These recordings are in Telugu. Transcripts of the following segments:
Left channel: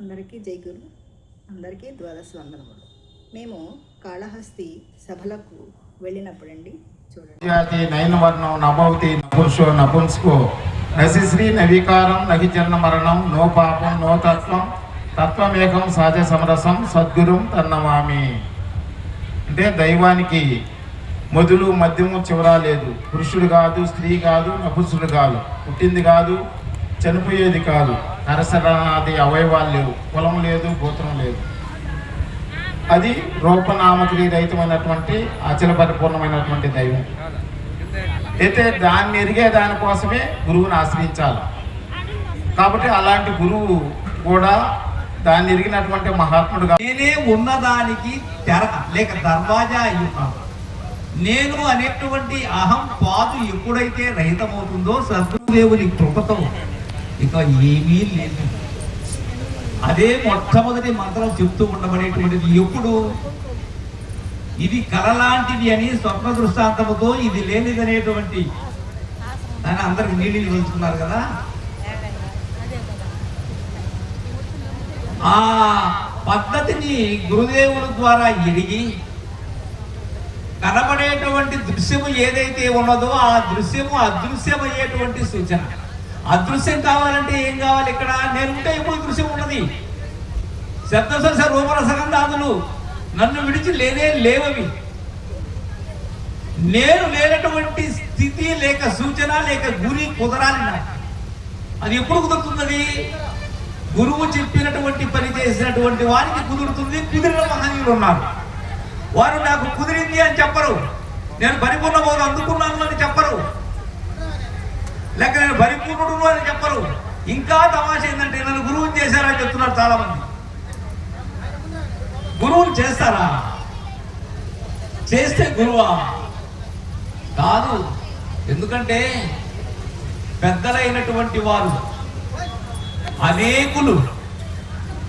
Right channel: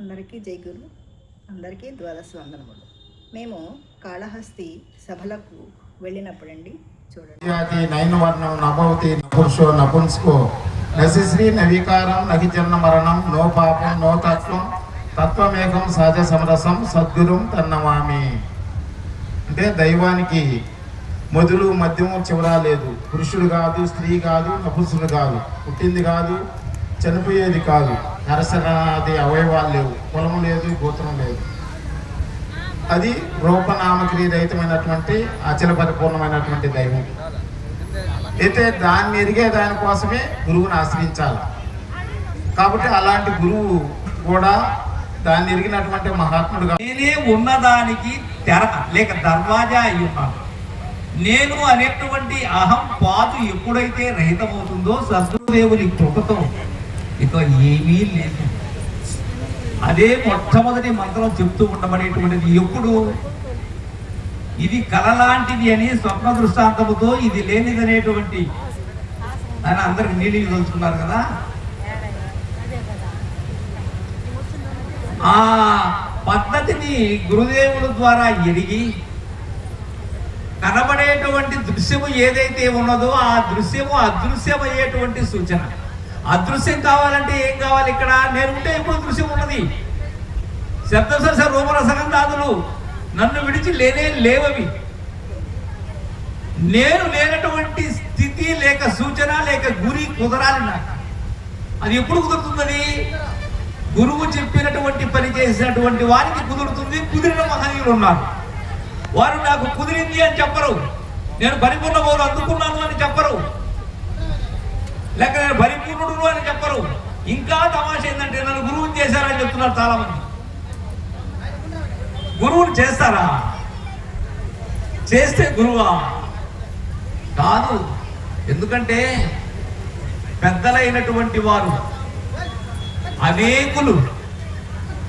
అందరికీ జైగురు అందరికీ ద్వాదశ వందనములు. మేము కాళహస్తి సభలకు వెళ్ళినప్పుడండి చూడండి. నైన్ వర్ణం నభవతి నపురుషో నపుంసుకో. నశిశ్రీ నవీకారం నగి మరణం నో పాపం నో తత్వం తత్వమేకం సహజ సమరసం సద్గురుం తన్నమామి. అంటే దైవానికి మొదలు మధ్యము చివర లేదు. పురుషుడు కాదు స్త్రీ కాదు నపురుషుడు కాదు. పుట్టింది కాదు చనిపోయేది కాదు. నరసరాది అవయవాలు లేవు. కులం లేదు గోత్రం లేదు. అది రూపనామక్రియ రహితమైనటువంటి అచల పరిపూర్ణమైనటువంటి దైవం. అయితే దాన్ని ఎరిగే దానికోసమే గురువుని ఆశ్రయించాలి. కాబట్టి అలాంటి గురువు కూడా దాన్ని ఎరిగినటువంటి మహాత్ముడు నేనే ఉన్నదానికి తెర లేక దర్వాజా అయి ఉన్నాను నేను అనేటువంటి అహం పాదు ఎప్పుడైతే రహితమవుతుందో సద్గురుదేవుని కృపతో ఇక ఏమీ లేదు. అదే మొట్టమొదటి మంత్రం చెప్తూ ఉండబడేటువంటిది ఎప్పుడు? ఇది కలలాంటిది అని స్వప్న దృష్టాంతముతో ఇది లేనిదనేటువంటి అని అందరికి నీళ్ళు తెలుసుకున్నారు కదా? ఆ పద్ధతిని గురుదేవుల ద్వారా ఎరిగి కనబడేటువంటి దృశ్యము ఏదైతే ఉన్నదో ఆ దృశ్యము అదృశ్యమయ్యేటువంటి సూచన. అదృశ్యం కావాలంటే ఏం కావాలి? ఇక్కడ నేను ఉంటే ఎప్పుడు దృశ్యం ఉన్నది. శబ్దశ రూపరసగంధాదులు నన్ను విడిచి లేనే లేవవి. నేను లేనటువంటి స్థితి లేక సూచన లేక గురి కుదరాలి నాకు. అది ఎప్పుడు కుదురుతుందని గురువు చెప్పినటువంటి పని చేసినటువంటి వారికి కుదురుతుంది. కుదిరిన మహనీయులు ఉన్నారు. వారు నాకు కుదిరింది అని చెప్పరు. నేను పరిపూర్ణ బోధ అందుకున్నాను అని చెప్పరు. లేక నేను పరిపూర్ణుడు అని చెప్పరు. ఇంకా తమాష ఏంటంటే నన్ను గురువుని చేశారని చెప్తున్నారు చాలా మంది గురువుని చేస్తారా? చేస్తే గురువా? కాదు. ఎందుకంటే పెద్దలైనటువంటి వారు అనేకులు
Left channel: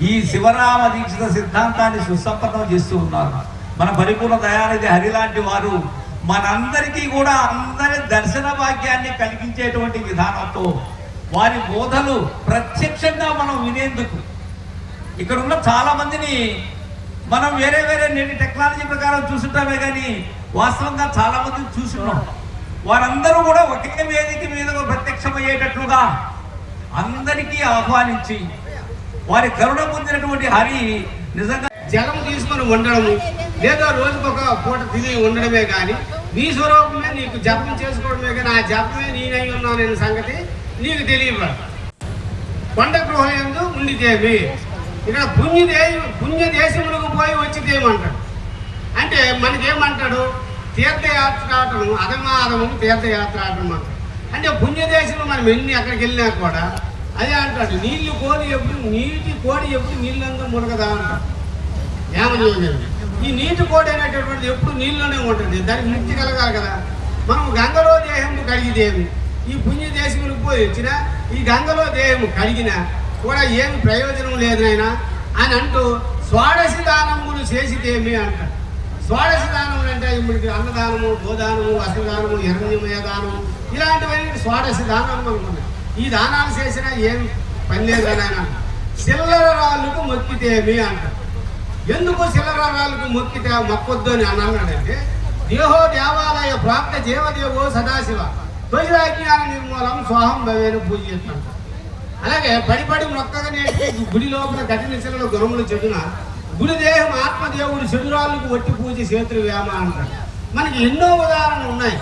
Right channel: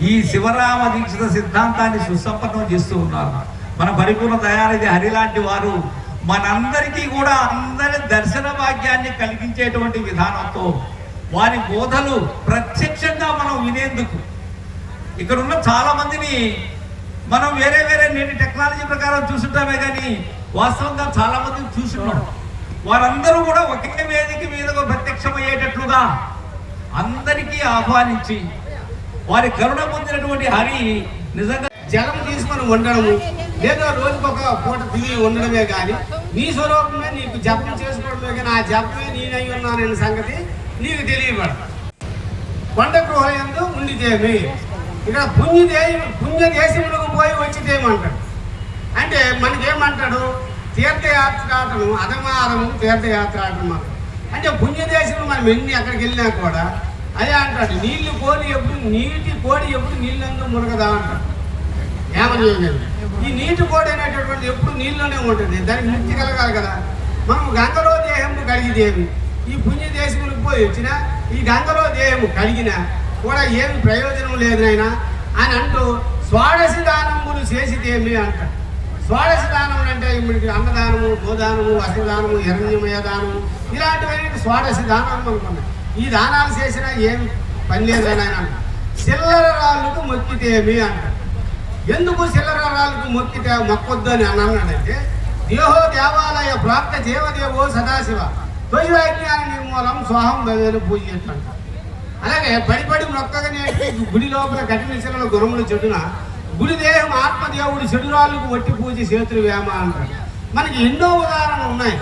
ఈ శివరామ దీక్షిత సిద్ధాంతాన్ని సుసంపన్నం చేస్తూ ఉన్నారు. మన పరిపూర్ణ తయారైతే హరి లాంటి వారు మనందరికీ కూడా అందరి దర్శన భాగ్యాన్ని కలిగించేటువంటి విధానంతో వారి బోధలు ప్రత్యక్షంగా మనం వినేందుకు ఇక్కడ ఉన్న చాలా మందిని మనం వేరే వేరే నేటి టెక్నాలజీ ప్రకారం చూసుంటామే కానీ వాస్తవంగా చాలా మందిని చూసుకున్నాం వారందరూ కూడా ఒకే వేదిక మీదగా ప్రత్యక్షమయ్యేటట్లుగా అందరికీ ఆహ్వానించి వారి కరుణ పొందినటువంటి హరి నిజంగా జలం తీసుకొని ఉండడము లేదా రోజుకు ఒక పూట తిని ఉండడమే కానీ నీ స్వరూపమే నీకు జపం చేసుకోవడమే కానీ ఆ జపమే నేనై ఉన్నాననే సంగతి నీకు తెలియబడు కొండ గృహయందు ఉండితేమి. ఇక్కడ పుణ్యదే పుణ్య దేశములకు పోయి వచ్చిదేమంటాడు అంటే మనకేమంటాడు? తీర్థయాత్ర అధమాదము తీర్థయాత్ర ఆటం అంటే పుణ్యదేశంలో మనం వెళ్ళి అక్కడికి వెళ్ళినా కూడా అదే అంటాడు నీళ్ళు కోడి ఎప్పుడు నీటి కోడి ఎప్పుడు నీళ్ళందు మురగదా అంటాడు. ఏమన్నా ఈ నీటి కోడి అనేటటువంటిది ఎప్పుడు నీళ్ళలోనే ఉంటుంది. దానికి ముక్తి కలగాలి కదా. మనం గంగలో దేహం కడిగిదేమి ఈ పుణ్య దేశములకు పోయి వచ్చిన ఈ గంగలో దేహం కలిగిన కూడా ఏమి ప్రయోజనం లేదు ఆయన అని అంటూ స్వాడసి దానములు చేసితేమి అంట. స్వాడసి దానములు అంటే మనకి అన్నదానము గోదానము వసదానము హిరణ్యమయ దానము ఇలాంటివన్నీ స్వాడసి దానము అనుకున్నాం ఈ దానాలు చేసినా ఏం పని లేదని ఆయన చిల్లర రాళ్ళకు మొక్కితేమి అంట. ఎందుకు చిల్లర రాళ్ళకు మొక్కితే మొక్కొద్దు అని అని అన్నాడంటే దేహో దేవాలయ ప్రాప్త జీవదేవో సదాశివ తొలి నిర్మూలం స్వాహం భవేను పూజ్యత అలాగే పడిపడి మొక్కగానే గుడి లోపల కఠిన శిలలో గురములు చెడున గుడి దేహం ఆత్మదేవుడు చెడురాళ్ళకు వట్టి పూజ చేతులు వేమ అంటాడు మనకి ఎన్నో ఉదాహరణలు ఉన్నాయి.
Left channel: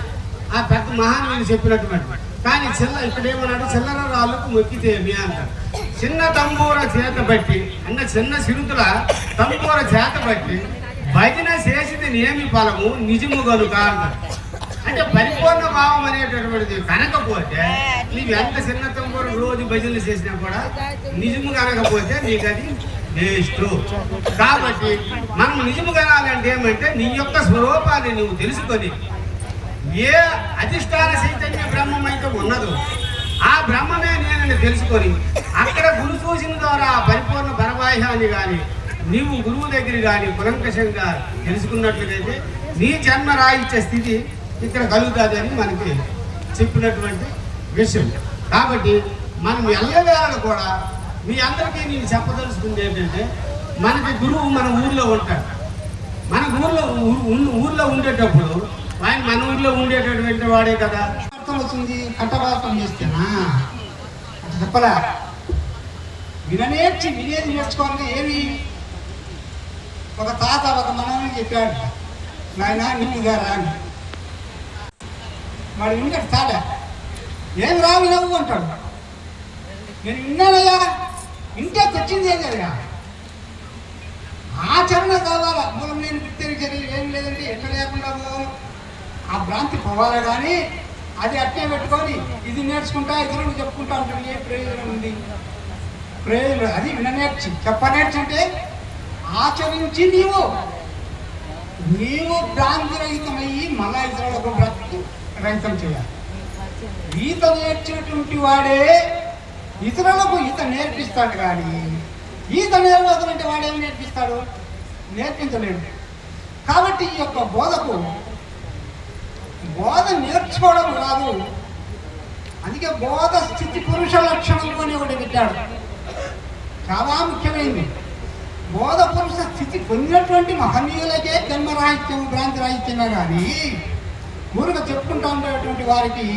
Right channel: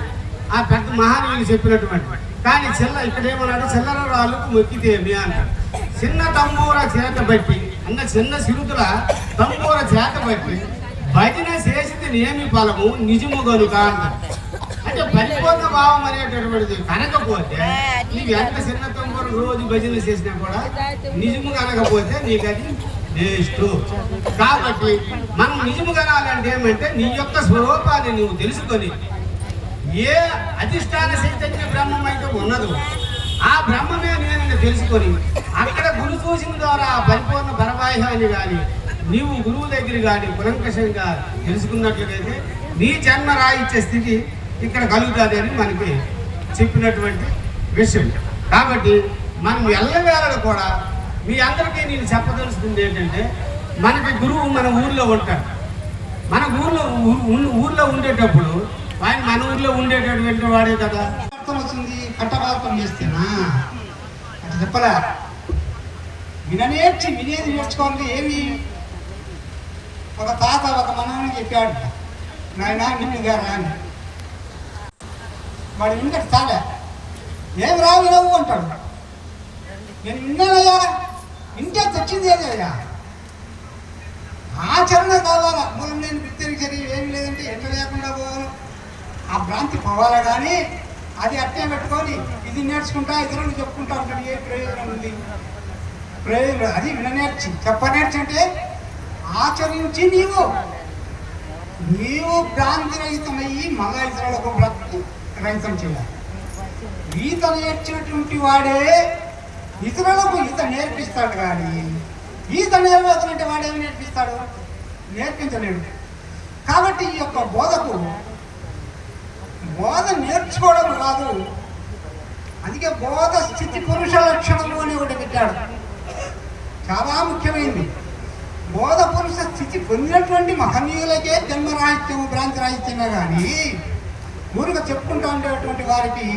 ఆ పెద్ద మహానీయులు చెప్పినటువంటి. కానీ చిల్ల ఇక్కడ ఏమన్నాడు? చిల్లర రాళ్ళకు మొక్కితేమి అంటాడు చిన్న తమ్మూర చేత బట్టి అంటే చిన్న సిరుతుల తమ్మూర చేత బట్టి భజన చేసింది నేమి ఫలము నిజము గనుక అంటే పరిపూర్ణ భావం అనేటటువంటిది కనకపోతే నీకు ఎంత చిన్న తమ్మూర రోజు భజనలు చేసినా కూడా నిజము కనకపోతే నీకు అది వేస్ట్. కాబట్టి మనం నిజము కనాలంటే ఏమంటే నీ యొక్క స్వరూపాన్ని నువ్వు తెలుసుకొని ఏ అధిష్టాన చైతన్య బ్రహ్మం అయితే ఉన్నదో ఆ బ్రహ్మమే నేనని తెలుసుకొని అక్కడ గురు సూచన ద్వారా ఆ పరిపూర్ణ కానీ నీవు గురువు దగ్గర కానీ కులంకషంగా తెలుసుకున్నట్లయితే నీ జన్మ రాయించే స్థితి ఇక్కడ కలుగుతుందని మనకి చెప్పినటువంటి విషయం. కాబట్టి మనం ఎల్లవేళలు కూడా మీ అందరికీ నేను చెప్పదలుచుకుంది ఏంటంటే మనకి గురువు మన ఊర్లో ఉంటాడు. మన ఊర్లో ఊర్లో ఉండేటప్పుడు ఆయన మన ఊర్లో ఉండేటటువంటి వాడే కదా. అర్థం వచ్చింది కట్టబాతం చేస్తేనా? చెప్పలే విననేర్చి వినేది నేర్చుకోవాలంటే ఏమి? ఒక తాత ఒక మనని చెప్పాడు. నాయన నిన్ను రాని అని. వాడు వింటే తాత ఏం రావు నవ్వు అంటాడు. నేను విన్నానయ్యా ఇంటే తెచ్చింది ఏదయ్యా ఆచరణ కావాలా? మనం నేను గుర్తిరి చర్యలు ఏం లేదంటే ఎట్లా లేకుండా పోవాలి? ఆ భ్రాంతి పోవాలా కానీ అది అట్టే పెట్టుకొని ఇది నేర్చుకుంటా ఇతరులు చెప్పుకుంటా ఉంటాడు ఏ ప్రయోజనం ఉంది? ప్రయోజనం అది విననేర్చి. చెప్పనేర్చి అంటే ఆచరించి నీవు. నీవు భ్రాంతి రహితమయ్యి మళ్ళా ఇతరులకు రహితం చేయాలి. ఈత నేర్చినటువంటి వాడే ఇతరులకు ఈత నేర్పిస్తాడు కానీ ఈత నేర్వదంటే వాడేమి నేర్పిస్తాడు? నేర్పించలేడు. కాబట్టి ఈ యొక్క బోధకు బోధ నేర్చుకోవడం కాదు అందుకే బోధ స్థితి పురుష లక్షణం అని ఒకటి పెట్టాడు. చాలా ముఖ్యమైనది. బోధ పురుష స్థితి పొందినటువంటి మహనీయులకే జన్మరాహిత్యం భ్రాంతి రాహిత్యమే కానీ మురుగ చెప్పుకుంటా ఉండేటువంటి వారికి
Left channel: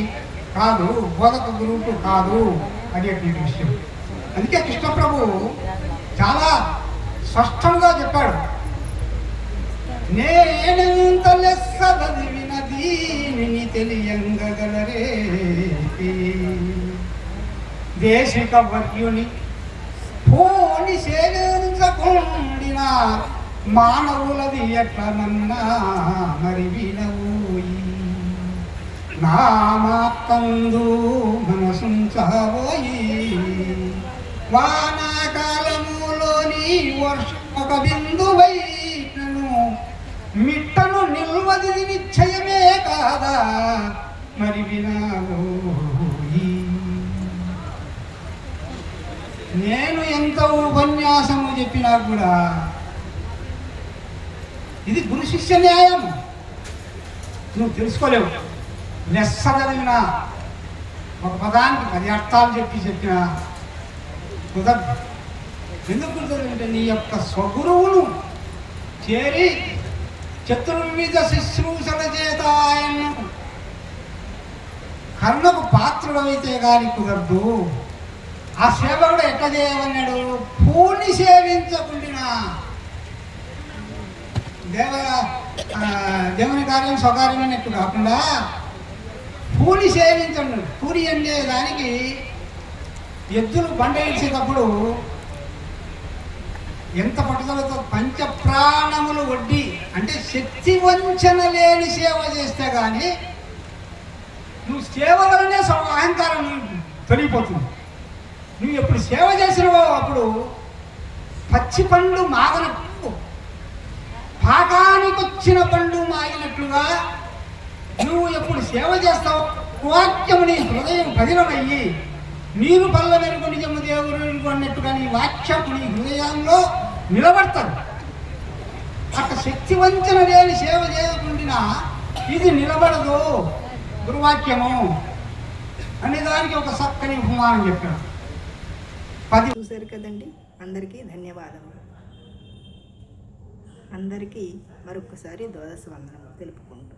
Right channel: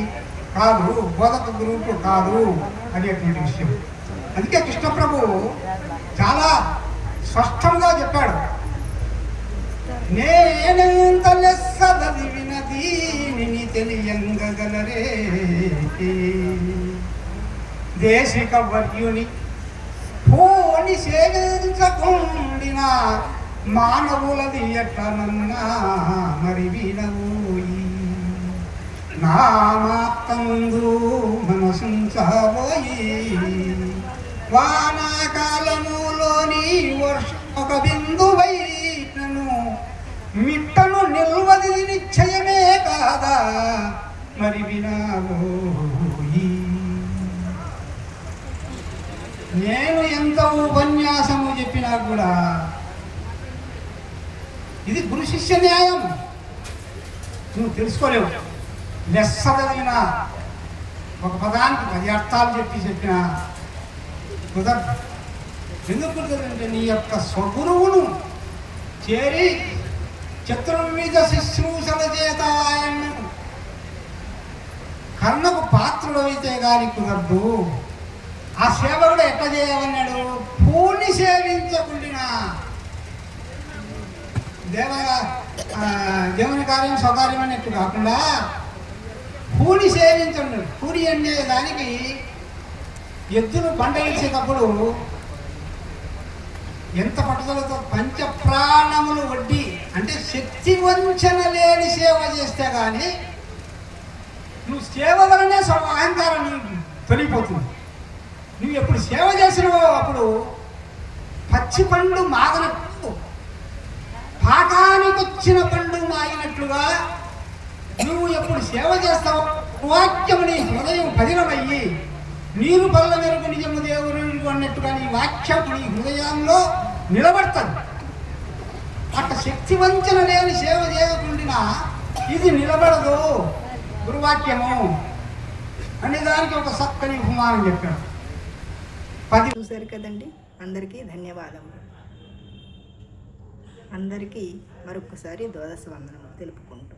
కాదు బోధక గురువుకు కాదు అనేటువంటి విషయం. అందుకే కృష్ణప్రభు చాలా స్పష్టంగా చెప్పాడు. నేనెంత లెస్స చదివిన దీనిని తెలియంగగలరే దేశిక వర్యునికి పూని సేవించకుండిన మానవులది ఎట్లనన్నా మరి వినవోయి నామాకందు మనసుంచబోయి వానాకాలములోని వర్షం ఒక బిందువై నన్ను మిట్టను నిల్వది నిశ్చయమే కాదా మరి వినవోయి నేను ఎంత ఉపన్యాసము చెప్పినా కూడా ఇది గురు శిష్య న్యాయం. నువ్వు తెలుసుకోలేవు. లెస్స ఒక పదానికి పది అర్థాలు చెప్పి చెప్పిన కుదరదు ఎందుకు కుదరదంటే నీ యొక్క స్వగురువును చేరి చతుర్విధ శుశ్రూషణ చేత ఆయన్ను. కర్ణకు పాత్రుడైతే గాని కుదరదు. ఆ సేవకుడు ఎట్లా చేయమన్నాడు పూని సేవించకుండా దేవ దేవుని కార్యం స్వకార్యం అన్నట్టు కాకుండా పూని సేవించండి. పూరి అనే దానికి ఎద్దులు పంట వేసేటప్పుడు ఎంత పట్టుదలతో పంచ ప్రాణములు వడ్డీ అంటే శక్తి వంచన లేని సేవ చేస్తే కానీ నువ్వు సేవ వలనే అహంకారం తొలగిపోతుంది నువ్వు ఎప్పుడు సేవ చేసినవో అప్పుడు పచ్చి పండు మాగనట్టు. పాకానికి వచ్చిన పండు మాగినట్లుగా నువ్వు ఎప్పుడు సేవ చేస్తావు వాక్యము నీ హృదయం పదిలమయ్యి నీరు పల్ల మెరుగు నిజము దేవుడు అన్నట్టుగా నీ వాక్యం నీ హృదయంలో నిలబడతాడు అట్ట శక్తి వంచన లేని సేవ చేయకుండా ఇది నిలబడదు. గురువాక్యము. అనే దానికి ఒక చక్కని ఉపమానం చెప్పాడు పది చూశారు కదండి. అందరికీ ధన్యవాదములు. అందరికీ మరొకసారి ద్వాదశ వందనము తెలుపుకుంటాం